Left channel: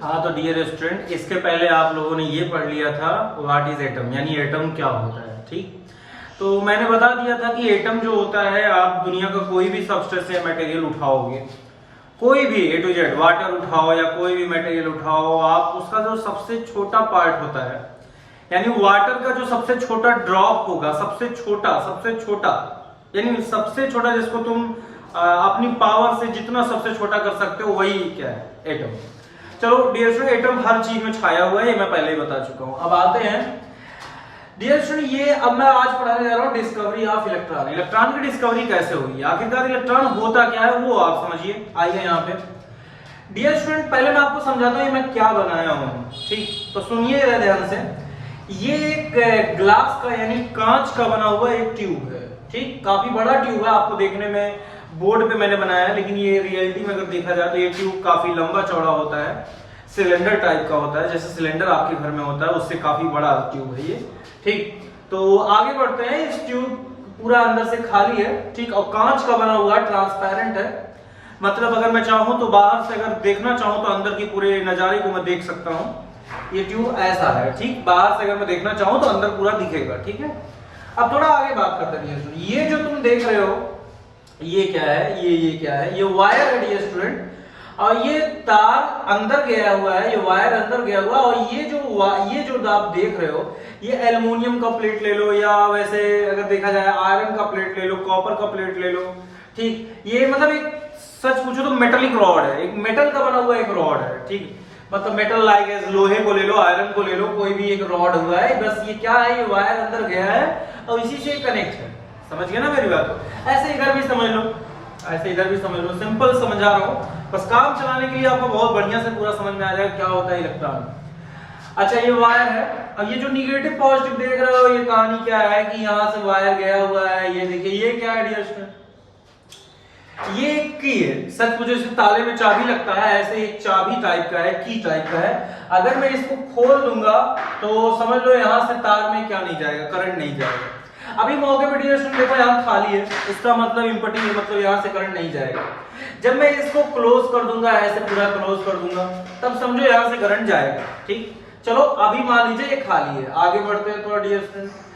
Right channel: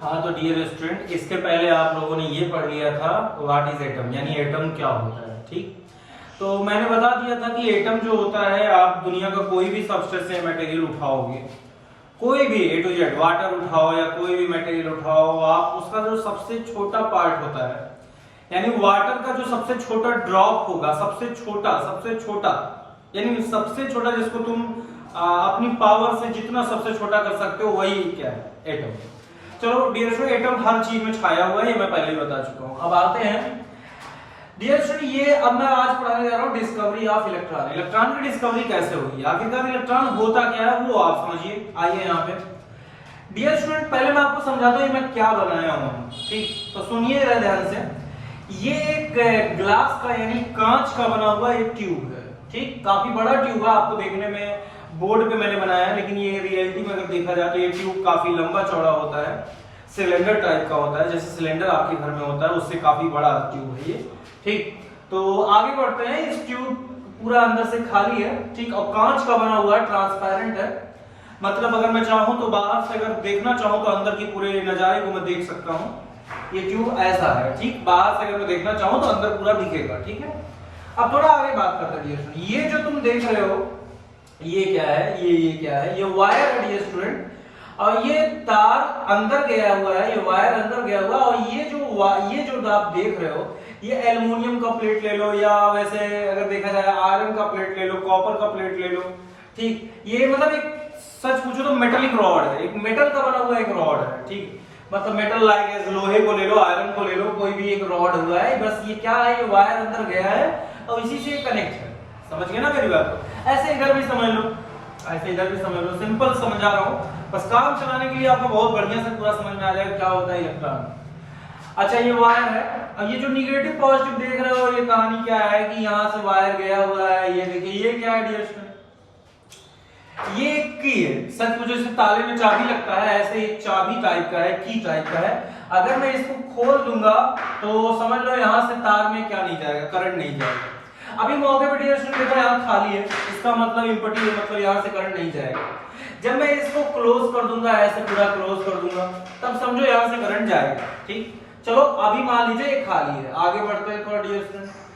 हाँ तो dear student, इसके पहले आप लोगों ने ये पढ़ लिया था व्हाट इज एटम, यानी एटम क्या होता है। ठीक, तो मैंने बता दिया था कि एटम जो होता है, आप दुनिया का कोई भी सबस्टेंस या मटेरियल उठाओगे, कोई भी ए टू जेड वाटर उठाओ या कोई भी मटेरियल उठाओ, आप उसका जो सबसे छोटा पार्ट होता है, यानी वाटर का जो सबसे छोटा ड्रॉप होगा, सबसे छोटा यानी सबसे छोटा जिसको तुम अपनी पावर से जितना सबसे छोटा कर सकते हो, वही क्या है, एटम। चलो डियर स्टूडेंट, एटम हर चीज में छाया हुआ है, ये मैं पहले ही बता चुका हूं। अब आते हैं डियर स्टूडेंट, ये अब मैं आज पढ़ाने जा रहा हूं डिस्कवरी ऑफ इलेक्ट्रॉन। इलेक्ट्रॉन की डिस्कवरी कैसे हुई, आखिरकार इलेक्ट्रॉन होता क्या है वो आप समझिए। आइए यहाँ पे डियर स्टूडेंट, पहले मैं आपको समझाता हूँ मैं क्या बनाया हूँ। ठीक, तो सुनिए ध्यान से। ये एक ग्लास का यानी कांच का बना हुआ एक ट्यूब है। ठीक, काफी बड़ा ट्यूब है, आपको देखने में बोर्ड पे मैंने बनाया है, लेकिन ये रियलिटी में अगर देखा जाए तो ये ट्यूब काफी लंबा चौड़ा होता है, सिलेंडर टाइप का होता है, जैसे सिलेंडर आपके घर में होता है उससे काफी बड़ा ट्यूब है ये। ठीक, तो आगे बढ़ते हैं। इस ट्यूब पूरा अंदर से खाली है, ठीक, और कांच का बना हुआ ट्रांसपेरेंट है, मतलब अगर मैं चाहूं तो बाहर से अगर देखना चाहूं तो अंदर के पूरे नजारे को मैं देख सकता हूं। ये ट्यूब ऐसा है, ठीक, बाहर से अगर मैं देखना चाहूं तो अंदर पूरा दिखेगा। ठीक है, अब थोड़ा आगे बात करते हैं। ये जो तुम देख रहे हो ये क्या है, ये क्या है, ये वायर है डियर स्टूडेंट, और ये तार अंदर गया हुआ है, ये वायर अंदर गया हुआ, और ये जो आप देख रहे हो, ये एल्युमिनियम का प्लेट ले लो, या वैसे अगर देखा जाए आयरन का प्लेट ले लो, कॉपर का प्लेट ले लो। ठीक, ये मतलब एक सच पूछो तो मेटलिक रॉड है, एक मेटल का बना हुआ एक रॉड है। ठीक, मतलब मेटल लाइक लोहे को ले लो, आयरन को ले लो, कोई भी एक रॉड हुआ है, बस ये क्या है, ये वायर अंदर गया है और इसी से कनेक्ट है। समझ गए ना मेरी बात? ऐसे इधर भी समझ लो, ऐसे इधर भी समझ लो, सिंपल समझा रहा हूं, बस काम चलाने के लिए आपको बहुत बढ़िया से पूरा समझ में आ जाएगा क्या होता है इलेक्ट्रॉन। अच्छा, ये वायर है, अब ये जो निगेटिव पॉजिटिव देख रहे हो, ये कहानी क्या है कि यहां से वायर गया हुआ है, ये देखिए, ये क्या है डियर स्टूडेंट, ये एक की है। सच पूछो जैसे ताले में चाबी लगता है, ऐसे एक चाबी टाइप का है, की टाइप का है। अगर मैं इसको खोल दूंगा तो समझ लो यहां से तार में क्या नहीं जाएगा, करंट नहीं जाएगा। अभी मौके पर डियर स्टूडेंट देखो यहाँ खाली है, इसका मतलब इम्पटी है, मतलब यहाँ से करंट नहीं जाएगा। जब मैं इसको क्लोज कर दूंगा, ऐसे पूरा क्लोज कर दूंगा, तब समझो यहाँ से करंट जाएगा। ठीक, चलो अभी मान लीजिए ये खाली है, आगे बढ़ते हैं थोड़ा डियर स्टूडेंट।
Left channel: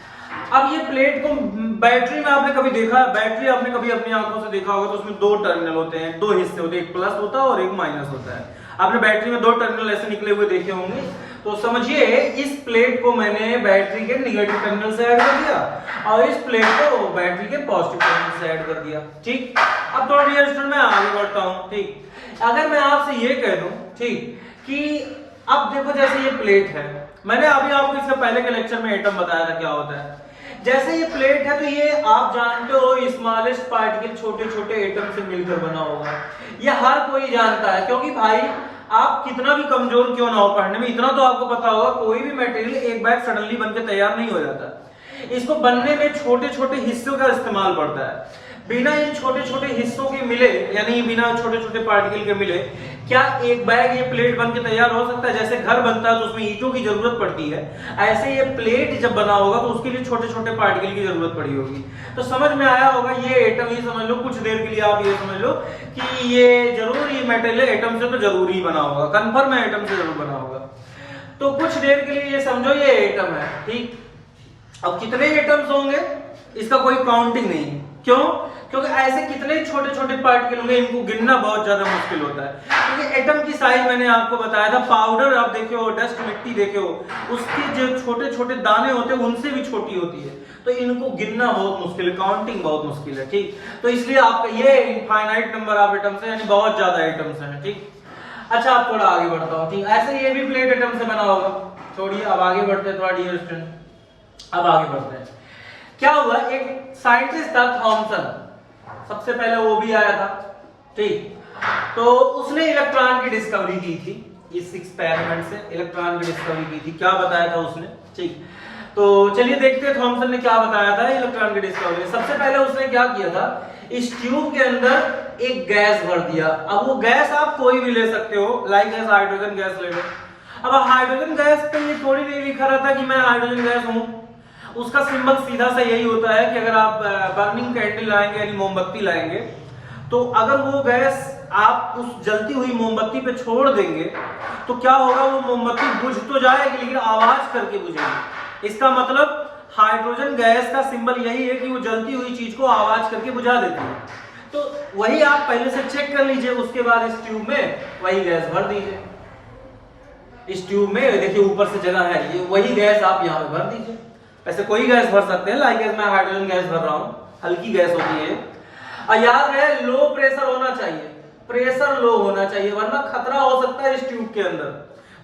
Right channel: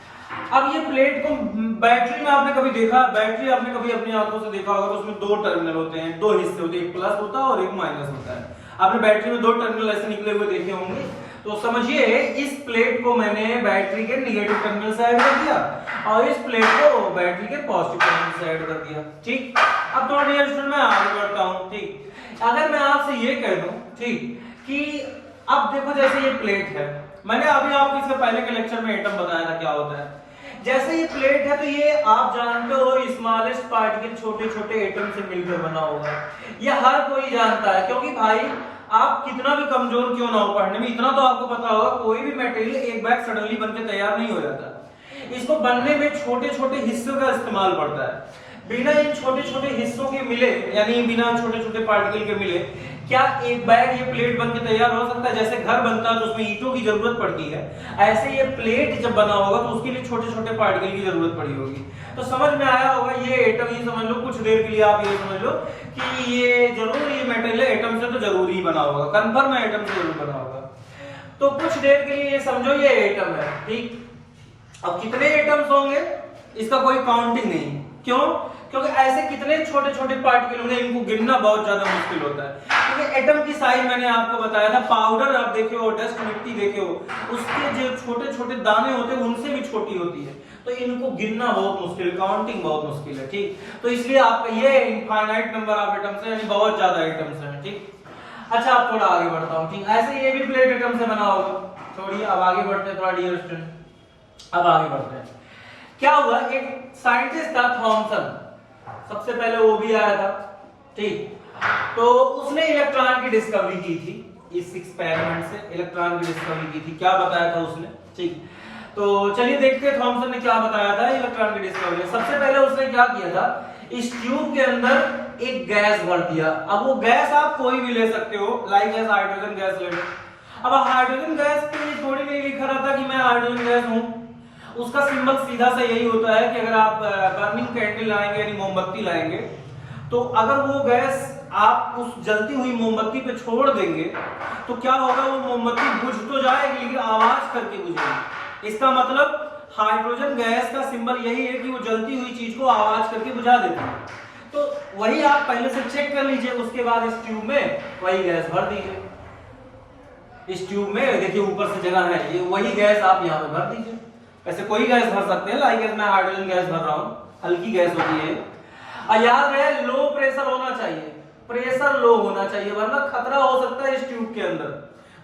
अब ये प्लेट को बैटरी में आपने कभी देखा, बैटरी आपने कभी अपनी आंखों से देखा होगा, तो उसमें दो टर्मिनल होते हैं, दो हिस्से होते हैं, एक प्लस होता है और एक माइनस होता है। आपने बैटरी में दो टर्मिनल ऐसे निकले हुए देखे होंगे। तो समझिए इस प्लेट को मैंने बैटरी के निगेटिव टर्मिनल से ऐड कर दिया और इस प्लेट को बैटरी के पॉजिटिव टर्मिनल से ऐड कर दिया। ठीक, अब थोड़ा डियर स्टूडेंट मैं आगे बढ़ता हूं। ठीक, अगर मैं आपसे ये कह दूं, ठीक, कि अब देखो जैसे ये प्लेट है, मैंने अभी आपको इससे पहले के लेक्चर में एटम बताया था क्या होता है। जैसे ये प्लेट है तो ये आप जानते हो स्मॉलेस्ट पार्टिकल छोटे छोटे एटम से मिलकर बना होगा, ये हर कोई जानता है, क्योंकि भाई आप कितना भी कमजोर क्यों ना हो पढ़ने में, इतना तो आपको पता होगा कोई भी मटेरियल एक बैग सडनली बनकर तैयार नहीं हो जाता, इसको बनने में छोटे छोटे हिस्सों का इस्तेमाल पड़ता है। बिना इन छोटे छोटे हिस्सों के मिले, यानी बिना छोटे छोटे पार्टिकल के मिले, क्या एक बैग ये प्लेट बन के तैयार हो सकता है? जैसे घर बनता है तो उसमें ईंटों की जरूरत पड़ती है, ऐसे ये प्लेट जब बना होगा तो उसके लिए छोटे छोटे पार्टिकल की जरूरत पड़ी होगी। तो समझ में आया होगा ये एटम, ये समझ लो कुछ देर के लिए आप ये समझ लो कि ये जरूर ये मेटल है, एटम से तो जरूर ही बना होगा, कन्फर्म है एटम से जरूर बना होगा। तो कुछ देर के लिए ये समझो ये एटम है। ठीक, अब कितने एटम्स होंगे इसका कोई काउंटिंग नहीं। क्यों? क्योंकि ऐसे कितने छोटे छोटे पार्टिकल होंगे, इनको गिनना बहुत ज्यादा मुश्किल होता है। क्योंकि एटम की साइज मैंने आपको बताया था, पाउडर आप देखे हो, डस्ट मिट्टी देखे हो, उसके जो छोटे छोटे दाने होते हैं उनसे भी छोटी होती है, तो इनको गिनना बहुत मुश्किल है, काउंटिंग बहुत मुश्किल है। ठीक, तो इसलिए आपका ये इनफाइनाइट नंबर ऑफ एटम्स है, यानी बहुत ज्यादा एटम्स हैं। ठीक, अच्छा अब थोड़ा आगे बढ़ता हूँ। ठीक, ऐसे ये भी प्लेट एटम से बना होगा। छोड़िए, अब आगे बढ़ते हैं थोड़ा डियर स्टूडेंट, अब आगे बढ़ते हैं। क्या हुआ, एक साइंटिस्ट था थॉमसन, सबसे पहले वो भी आया था। ठीक, तो उसने इलेक्ट्रॉन की डिस्कवरी की थी, इस एक्सपेरिमेंट से इलेक्ट्रॉन की डिस्कवरी की थी। क्या बताया था उसने? ठीक, तो चलिए देखते हैं थॉमसन ने क्या बताया था इलेक्ट्रॉन की डिस्कवरी। सबसे पहले उसने क्या किया था, इस ट्यूब के अंदर एक गैस भर दिया। अब वो गैस आप कोई भी ले सकते हो, लाइक गैस, हाइड्रोजन गैस ले लो। अब हाइड्रोजन गैस पे ये थोड़ी नहीं लिखा रहता कि मैं हाइड्रोजन गैस हूं, उसका सिंबल सीधा सा यही होता है कि अगर आप बर्निंग कैंडल लाएंगे यानी मोमबत्ती लाएंगे, तो अगर वो गैस आप उस जलती हुई मोमबत्ती पे छोड़ देंगे तो क्या होगा, वो मोमबत्ती बुझ तो जाएगी लेकिन आवाज करके बुझेगी। इसका मतलब हाइड्रोजन गैस का सिंबल यही है कि वो जलती हुई चीज को आवाज करके बुझा देती है। तो वही आप पहले से चेक कर लीजिए, उसके बाद इस ट्यूब में वही गैस भर दीजिए। इस ट्यूब में देखिए ऊपर से जगह है, ये वही गैस आप यहाँ पे भर दीजिए। ऐसे कोई गैस भर सकते हैं, लाइक मैं हाइड्रोजन गैस भर रहा हूँ, हल्की गैस होती है। और याद रहे लो प्रेशर होना चाहिए, प्रेशर लो होना चाहिए, वरना खतरा हो सकता है इस ट्यूब के अंदर,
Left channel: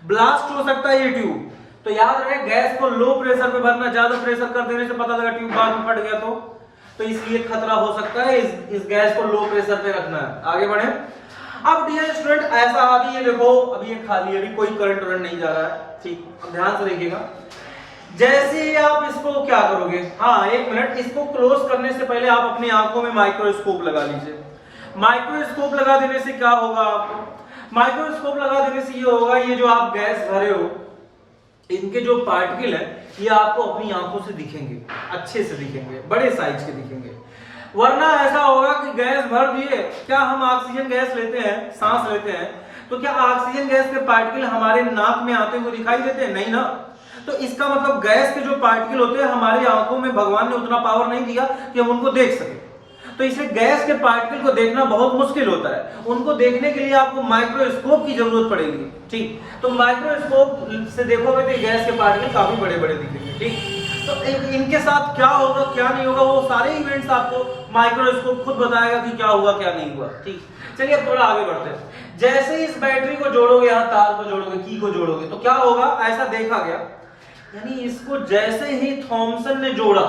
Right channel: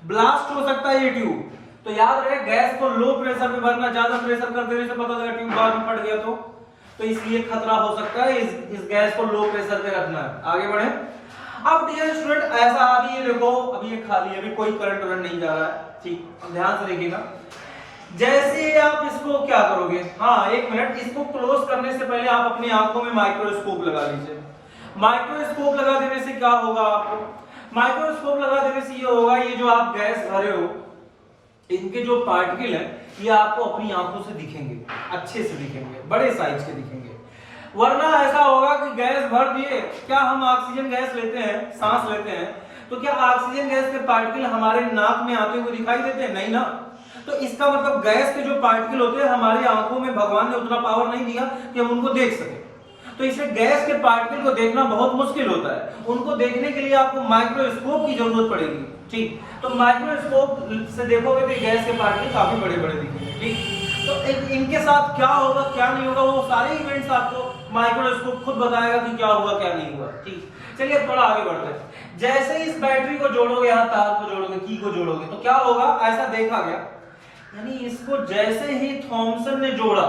ब्लास्ट हो सकता है ये ट्यूब। तो याद रहे गैस को लो प्रेशर पे भरना, ज्यादा प्रेशर कर देने से पता लगा ट्यूब बाद में फट गया तो इसलिए खतरा हो सकता है, इस गैस को लो प्रेशर पे रखना है। आगे बढ़े। अब डियर स्टूडेंट ऐसा अभी ये देखो, अभी ये खाली है, अभी कोई करंट नहीं जा रहा है, ठीक, ध्यान से देखिएगा। जैसे ही आप इसको क्या करोगे, हाँ एक मिनट, इसको क्लोज करने से पहले आप अपनी आंखों में माइक्रोस्कोप लगा लीजिए। माइक्रोस्कोप लगा देने से क्या होगा, आपको माइक्रोस्कोप लगा देने से ये होगा, ये जो आप गैस भरे हो इनके जो पार्टिकल है ये आपको अपनी आंखों से दिखेंगे, अच्छे से दिखेंगे, बड़े साइज के दिखेंगे। वरना ऐसा होगा कि गैस भर दिए, क्या हम ऑक्सीजन गैस लेते हैं, सांस लेते हैं, तो क्या ऑक्सीजन गैस के पार्टिकल हमारे नाक में आते हुए दिखाई देते हैं? नहीं ना। तो इसका मतलब गैस के जो पार्टिकल होते हैं हमारी आंखों में भगवान ने उतना पावर नहीं दिया कि हम उनको देख सके। तो इसे गैस के पार्टिकल को देखना बहुत मुश्किल होता है, उनको देखने के लिए आपको माइक्रोस्कोप की जरूरत पड़ेगी, ठीक। तो माइक्रोस्कोप से देखोगे तो गैस के पार्टिकल काफी बड़े बड़े दिखेंगे, ठीक। तो इनके साथ क्या होगा क्या नहीं होगा वो सारे इवेंट्स आपको माइक्रोस्कोप खुद बताएगा कि क्या हुआ क्या नहीं हुआ, ठीक। चलिए अब थोड़ा आगे बढ़ते हैं। जैसे इस बैटरी को जोड़ोगे, यहाँ तार को जोड़ोगे, की को जोड़ोगे, तो क्या होगा, ऐसा देखा गया, यानी इसको जैसे ही थॉमसन ने जोड़ा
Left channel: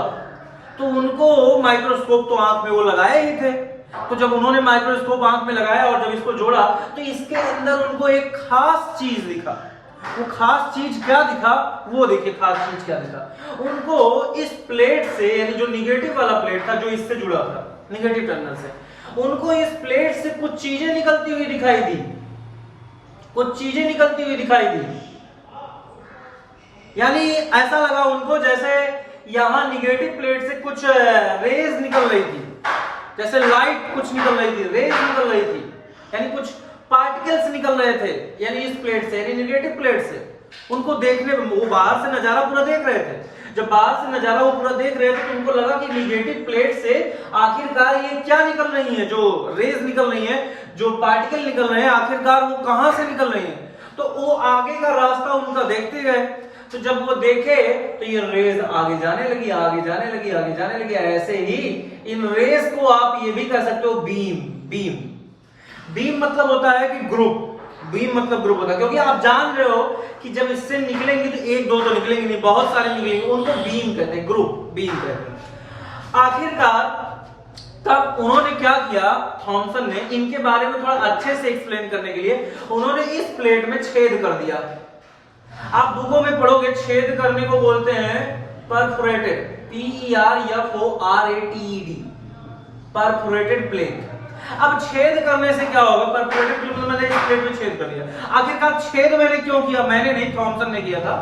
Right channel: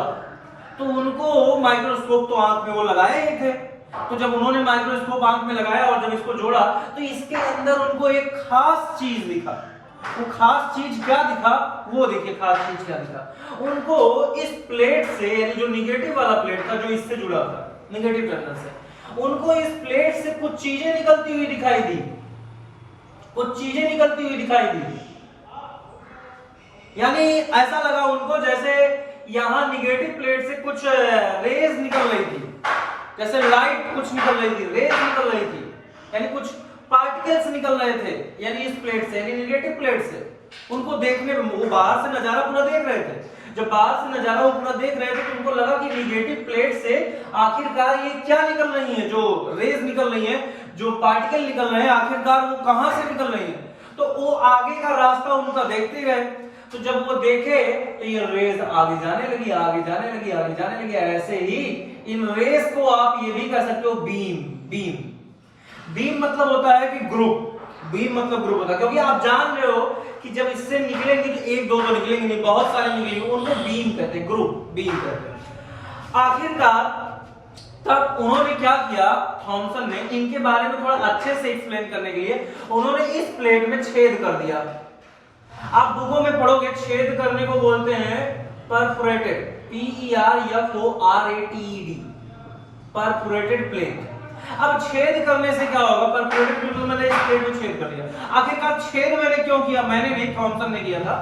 तो उनको माइक्रोस्कोप तो आंख में वो लगाए ही थे, तो जब उन्होंने माइक्रोस्कोप आंख में लगाया और जब इसको जोड़ा तो इसके अंदर उनको एक खास चीज दिखा। वो खास चीज क्या दिखा, वो देखिए खास चीज क्या दिखा उनको। इस प्लेट से, यानी जो निगेटिव वाला प्लेट था जो इससे जुड़ा था निगेटिव टर्मिनल से, उनको इस प्लेट से कुछ चीजें निकलती हुई दिखाई दी, कुछ चीजें निकलती हुई दिखाई दी। यानी ऐसा लगा उनको जैसे यहां निगेटिव प्लेट से कुछ रेज निकल रही थी, जैसे लाइट कुछ निकल रही थी, रेज निकल रही थी, यानी कुछ पार्टिकल्स निकल रहे थे, यानी इस प्लेट से, यानी निगेटिव प्लेट से। उनको देखने में, वो बाहर से नजारा पूरा देख रहे थे, जब बाहर से नजारा वो पूरा देख रहे थे तो उनको लगा कि निगेटिव प्लेट से आखिरकार ये क्या निकल रही है, जो रेज निकल रही है, जो पार्टिकल निकल रहे हैं, आखिरकार वो कहां से निकल रही है। तो वो आगे का रास्ता उनका देखते गए, तो जब वो देखे तो ये रेज आगे जाने लगी, आगे जाने लगी, आगे जाने लगी। ऐसे ही इन रेज को आप ये भी कह सकते हो बीम। बीम बीम मतलब होता है कि ग्रुप, बीम मतलब ग्रुप होता है, क्योंकि आप जान रहे हो कि जब इससे निकलेंगे तो एक दो तो निकलेंगे नहीं, बहुत सारे निकलेंगे, उनको बीम कहते हैं, ग्रुप बीम कहते हैं। आखिरकार तब उन्होंने क्या किया, थॉमसन ने इनके बारे में थोड़ा अच्छे से एक्सप्लेन करने के लिए उन्होंने इस प्लेट में छेद कर दिया। आप बुकों में पढ़ोगे, छेद करने को बोलते हैं परफोरेटेड, PERFORATED, परफोरेटेड प्लेट। अब छेद करने से क्या होगा, परफोरेटेड प्लेट, मैंने इस प्लेट में छेद कर दिया। आखिरकार छेद मैंने क्यों किया, मैंने नहीं, थॉमसन ने किया था।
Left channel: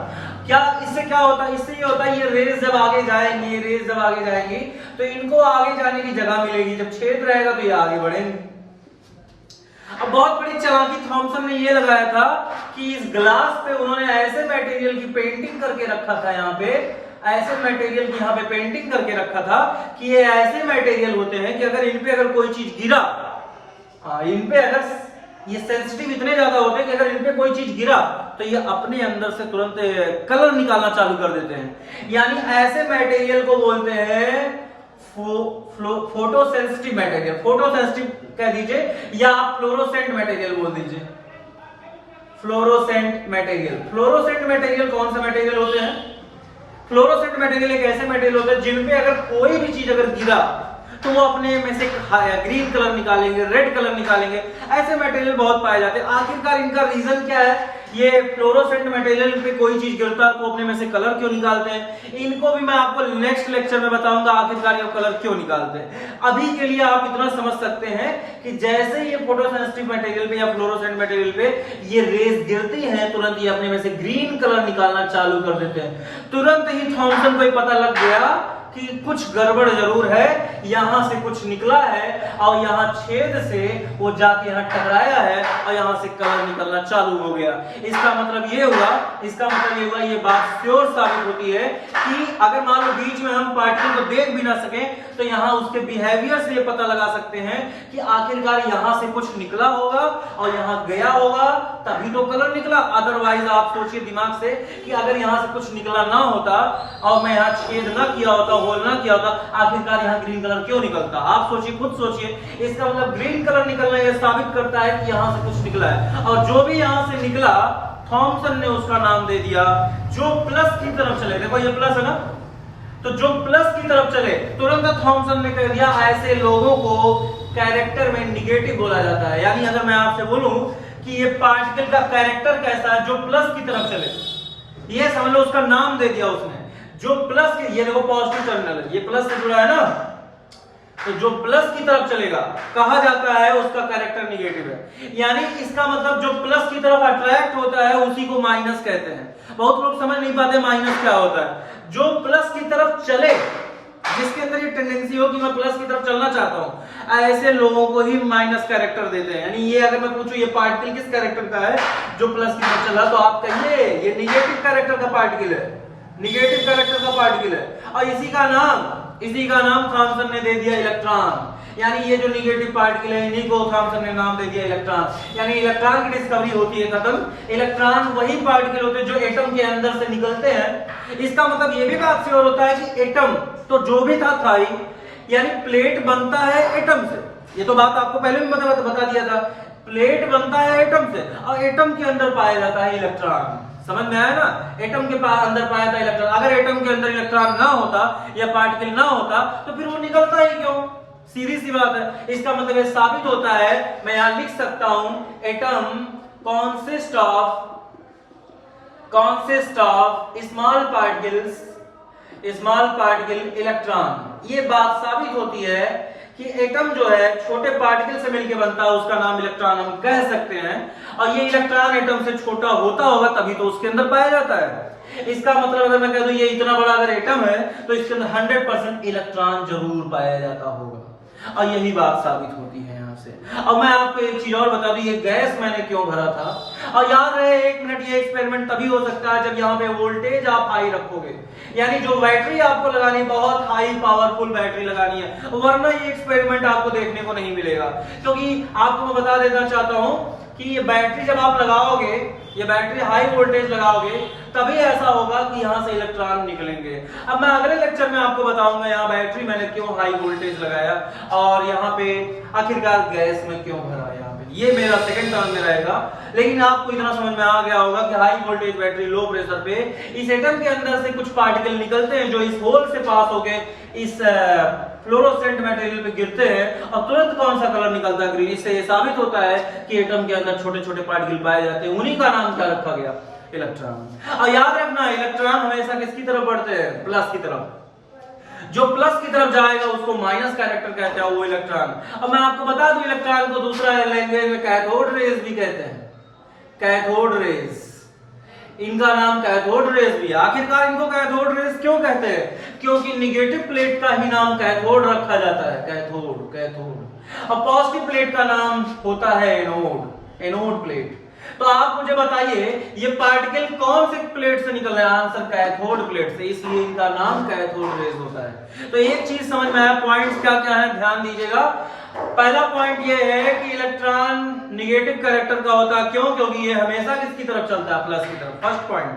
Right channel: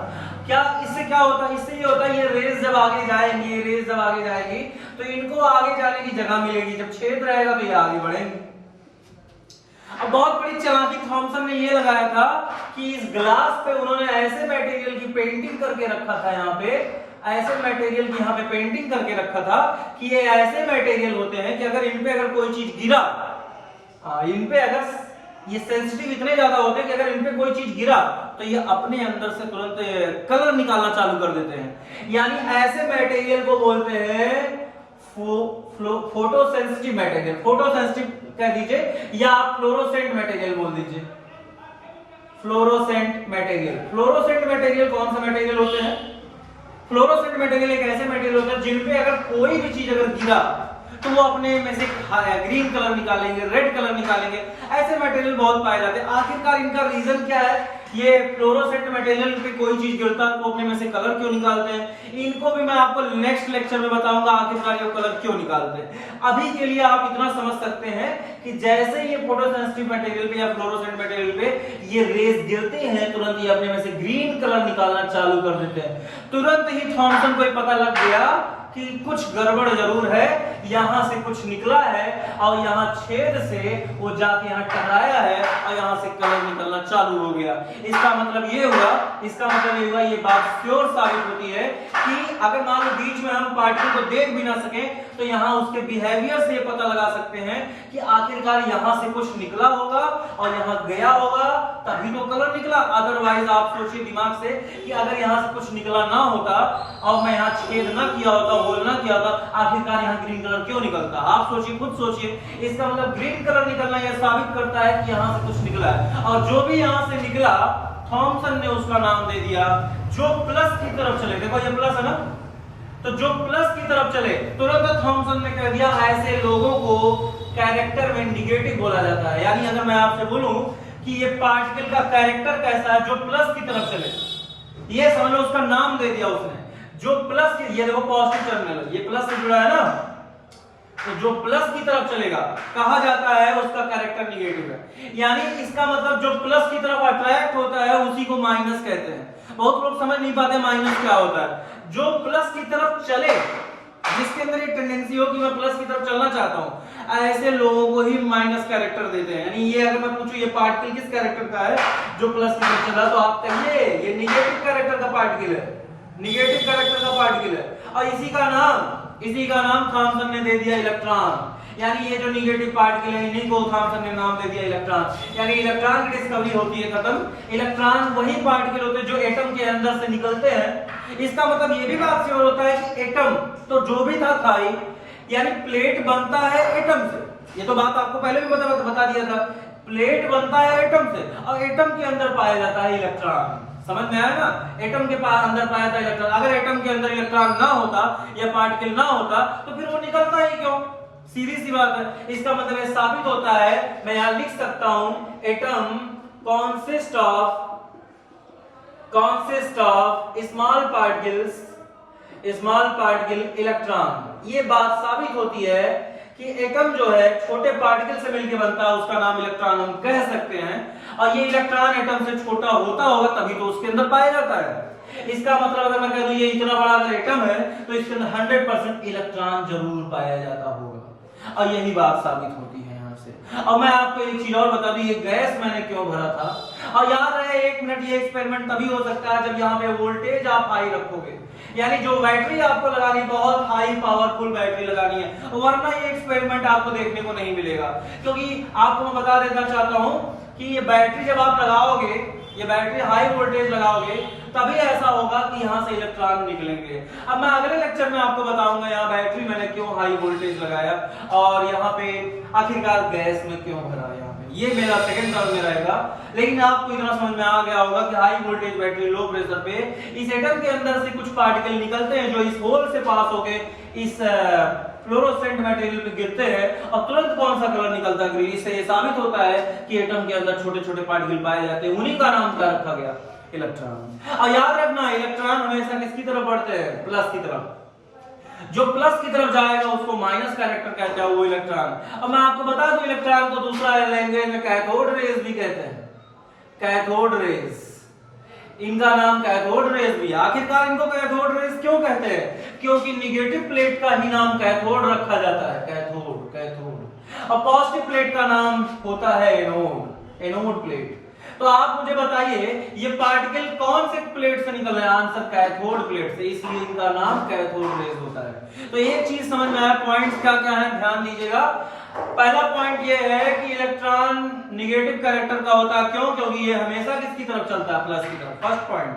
क्या इससे क्या होता है, इससे ये होता है ये रेज जब आगे जाएंगी, ये रेज जब आगे जाएंगी तो इनको आगे जाने की जगह मिलेगी, जब छेद रहेगा तो ये आगे बढ़ेंगे। अब बहुत बड़ी चालाकी थॉमसन ने ये लगाया था कि इस ग्लास पे उन्होंने ऐसे मटेरियल की पेंटिंग करके रखा था, यहाँ पे ऐसे मटेरियल की यहाँ पे पेंटिंग करके रखा था कि ये ऐसे मटेरियल होते हैं कि अगर इन पे अगर कोई चीज गिरा, इन पे अगर ये सेंसिटिव इतने ज्यादा होते हैं कि अगर इन पे कोई चीज गिरा तो ये अपने अंदर से तुरंत कलर निकालना चालू कर देते हैं। यानी ऐसे मटेरियल को बोलते हैं photo sensitive material, photo sensitive कह दीजिए या आप फ्लोरोसेंट मटेरियल बोल दीजिए, फ्लोरोसेंट मटेरियल। फ्लोरोसेंट मटेरियल कौन सा मटेरियल होते हैं, फ्लोरोसेंट मटेरियल एक ऐसे मटेरियल होते हैं जिनपे अगर कोई भी चीज अगर गिरा तो वो अपने में से ग्रीन कलर निकालेंगे, रेड कलर निकालेंगे। ऐसे मटेरियल बहुत पाए जाते हैं। आखिरकार इनका रीजन क्या है, ये फ्लोरोसेंट मटेरियल पे कोई चीज गिरता है तो अपने में से कलर क्यों निकालते हैं, इनको भी मैं आपको नेक्स्ट लेक्चर में बताऊंगा आखिरकार ये कलर क्यों निकालते हैं। अभी के लिए आप इतना समझ सकते हैं कि जैसे ये फोटोसेंसिटिव मटेरियल पे या फ्लोरोसेंट मटेरियल पे ये रेज गिरते हैं तुरंत ये अपने में से ग्रीन कलर निकालना चालू कर देते हैं। तुरंत ही थॉमसन को पता लग गया कि कुछ गड़बड़ जरूर है, यहां से कुछ निकला है और यहां छेद से वो जाके यहां टकराया है और यहां से कलर निकलना चालू हो गया। इसका मतलब ये हुआ, ये बात श्योर साबित होती है कि अगर मान लो बीच में हम पार्टिकल को देख भी ना सके तो यहाँ उसके बिहेवियर से ये पता लगा सकते हैं कि आखिरकार यहाँ से कुछ निकला होगा और यहाँ गया होगा तभी तो कलर निकला। अदरवाइज आप सोचिए दिमाग से कि अगर यहाँ से कुछ निकला ना होता और मैं यहाँ छेद ना किया होता, होल ना किया होता, आखिरकार यहाँ ग्रीन कलर क्यों निकलता? आप सोचिए, खुद सोचिए। इसका मतलब ग्रीन कलर निकलना यह साबित करता है कि यहाँ से कुछ निकला है और जो भी यहाँ से निकला थॉमसन ने उसका नाम दे दिया जो प्लस की तरफ चले। देखो ये प्लस है ना, तो जो प्लस की तरफ चले तुरंत थॉमसन ने कह दिया ऐसे लोगों को कैरेक्टर में निगेटिव बोला जाता है। यानी अगर मैं आपसे बोलूं कि ये पार्टिकल का कैरेक्टर कैसा है, जो प्लस की तरफ चले, ये समझ लो उसका नाम दे दिया उसने। जो प्लस के, ये देखो पॉजिटिव टर्मिनल है, ये प्लस से जुड़ा है ना, तो जो प्लस की तरफ चलेगा कहा जाता है उसका कैरेक्टर निगेटिव है। यानी इसका मतलब जो प्लस की तरफ अट्रैक्ट होता है उसी को माइनस कहते हैं। बहुत लोग समझ नहीं पाते माइनस क्या होता है। जो प्लस की तरफ चले, जिसके अंदर ये टेंडेंसी हो कि मैं प्लस की तरफ चलना चाहता हूं, ऐसे लोगों को ही माइनस कैरेक्टर देते हैं। यानी ये अगर मैं पूछूं ये पार्टिकल किस कैरेक्टर का है जो प्लस की तरफ चला, तो आप कहिए ये निगेटिव कैरेक्टर का पार्टिकल है, निगेटिव कैरेक्टर का पार्टिकल है। और इसी का नाम थॉमसन ने दे दिया इलेक्ट्रॉन। यानी ये जो निगेटिव पार्टिकल है इन्हीं को थॉमसन ने नाम दे दिया इलेक्ट्रॉन। यानी इलेक्ट्रॉन की डिस्कवरी होती है खत्म। इलेक्ट्रॉन वही पार्टिकल होते हैं जो एटम के अंदर से निकलते हैं। इसका मतलब ये भी बात श्योर होता है कि एटम तो जो भी था ही, यानी प्लेट बनता है एटम से। ये तो बात आपको पहले भी बता दिया था, प्लेट बनता है एटम से और एटम के अंदर पाया जाता है इलेक्ट्रॉन। समझ में आया ना? एटम के अंदर पाया जाता है इलेक्ट्रॉन। अगर एटम के अंदर इलेक्ट्रॉन ना होता या पार्टिकल ना होता तो फिर वो निकलता ही क्यों? सीधी सी बात है। इसका मतलब यह साबित होता है, मैं यहां लिख सकता हूं atom consist of small particle electron. ये बात साबित होती है कि एटम जो है छोटे पार्टिकल से मिलकर बनता है, उसका नाम इलेक्ट्रॉन हम कह सकते हैं। और ये इलेक्ट्रॉन एटम से छोटा होता होगा तभी तो उसके अंदर पाया जाता है। इसका मतलब अगर मैं कह दूं ये इतना बड़ा अगर एटम है तो इसके अंदर 100% इलेक्ट्रॉन जरूर पाया जाता होगा। और यही बात साबित होती है यहाँ से। और मैं आपको एक चीज और बता दूं, ये गैस मैंने क्यों भरा था। और याद रहे 1 मिनट, ये एक्सपेरिमेंट तभी हो सकता है जब यहाँ पे वोल्टेज आप हाई रखोगे। यानी जो बैटरी आपको लगानी, बहुत हाई पावरफुल बैटरी लगानी है, वरना ये एक्सपेरिमेंट आपको देखने को नहीं मिलेगा। क्योंकि आपको मैं बता देना चाहता हूं कि ये बैटरी जब आप लगाओगे, ये बैटरी हाई वोल्टेज लगाओगे तभी ऐसा होगा कि यहां से इलेक्ट्रॉन निकलेंगे। अब मैं अगले लेक्चर में आपको बताऊंगा यहाँ बैटरी मैंने क्यों हाई वोल्टेज लगाया और यहाँ पे आखिरकार गैस में क्यों भरा। यहाँ पे ये मेरा सेकंड टर्म में रहेगा। लेकिन आपको इतना समझ में आ गया होगा कि high voltage battery low pressure पे इस एटम के अंदर से कुछ पार्टिकल निकलते हैं जो इस होल से पास होके इस फ्लोरोसेंट मटेरियल पे गिरते हैं और तुरंत कौन सा कलर निकलता है? ग्रीन। इससे ये साबित होता है कि एटम के अंदर छोटे छोटे पार्टिकल पाए जाते हैं। उन्हीं का नाम क्या रखा गया? इलेक्ट्रॉन। और याद रखना इलेक्ट्रॉन हमेशा किसकी तरफ बढ़ते हैं? प्लस की तरफ। जो प्लस की तरफ जाएगा उसको माइनस कैरेक्टर कहते हैं वो इलेक्ट्रॉन। अब मैं आपको बता दूं इलेक्ट्रॉन को दूसरा लैंग्वेज में कैथोड रेज भी कहते हैं। कैथोड रेज, इनका नाम कैथोड रेज भी। आखिरकार इनको कैथोड रेज क्यों कहते हैं? क्योंकि निगेटिव प्लेट का ही नाम कैथोड रखा जाता है। कैथोड। और पॉजिटिव प्लेट का नाम होता है एनोड प्लेट। तो आप मुझे बताइए ये पार्टिकल कौन से प्लेट से निकल रहे हैं? आंसर कैथोड प्लेट से, इसलिए इनका नाम कैथोड रेज होता है। तो एक चीज समझ में आया, पॉइंट्स क्या क्या है ध्यान दीजिएगा। पहला पॉइंट ये है कि इलेक्ट्रॉन निगेटिव कैरेक्टर का होता है। क्यों? क्योंकि ये हमेशा किसकी तरफ चलता है? प्लस की तरफ। First point.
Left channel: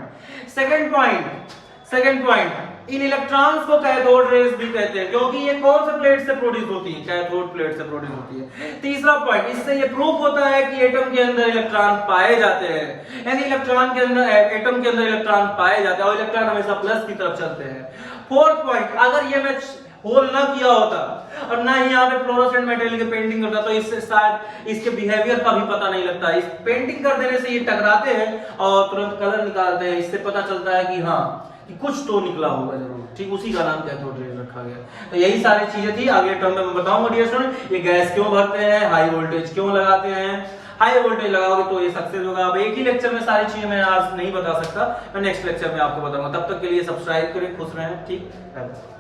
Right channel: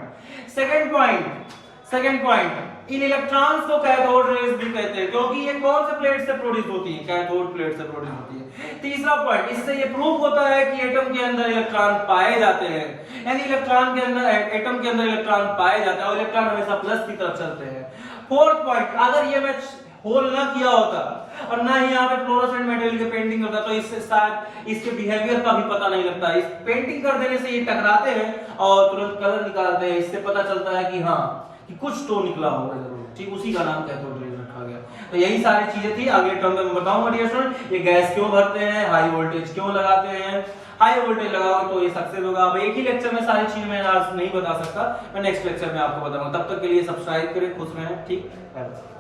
Second point in electrons को कैथोड रेज भी कहते हैं क्योंकि ये कौन से प्लेट से प्रोड्यूस होती है? कैथोड प्लेट से प्रोड्यूस होती है। तीसरा पॉइंट, इससे ये प्रूफ होता है कि एटम के अंदर इलेक्ट्रॉन पाए जाते हैं। यानी इलेक्ट्रॉन के अंदर, एटम के अंदर इलेक्ट्रॉन पाए जाते हैं और इलेक्ट्रॉन हमेशा प्लस की तरफ चलते हैं। फोर्थ पॉइंट, अगर ये मैं होल ना किया होता और ना ही यहाँ पे फ्लोरोसेंट मटेरियल की पेंटिंग करता तो इससे शायद इसके बिहेवियर का भी पता नहीं लगता। इस पेंटिंग कर देने से ये टकराते हैं और तुरंत कलर निकालते हैं। इससे पता चलता है कि हाँ कि कुछ तो निकला होगा जरूर। ठीक, उसी का नाम कैथोड रेज रखा गया। तो यही सारी चीजें थी। अगले टर्म में मैं बताऊंगा डियर स्टूडेंट ये गैस क्यों भरते हैं, हाई वोल्टेज क्यों लगाते हैं। हाई वोल्टेज लगाओगे तो ये सक्सेस होगा। अब एक ही लेक्चर में सारी चीजें मैं आज नहीं बता सकता, मैं नेक्स्ट लेक्चर में आपको बताऊंगा। तब तक के लिए सब्सक्राइब करें, खुश रहें। ठीक है।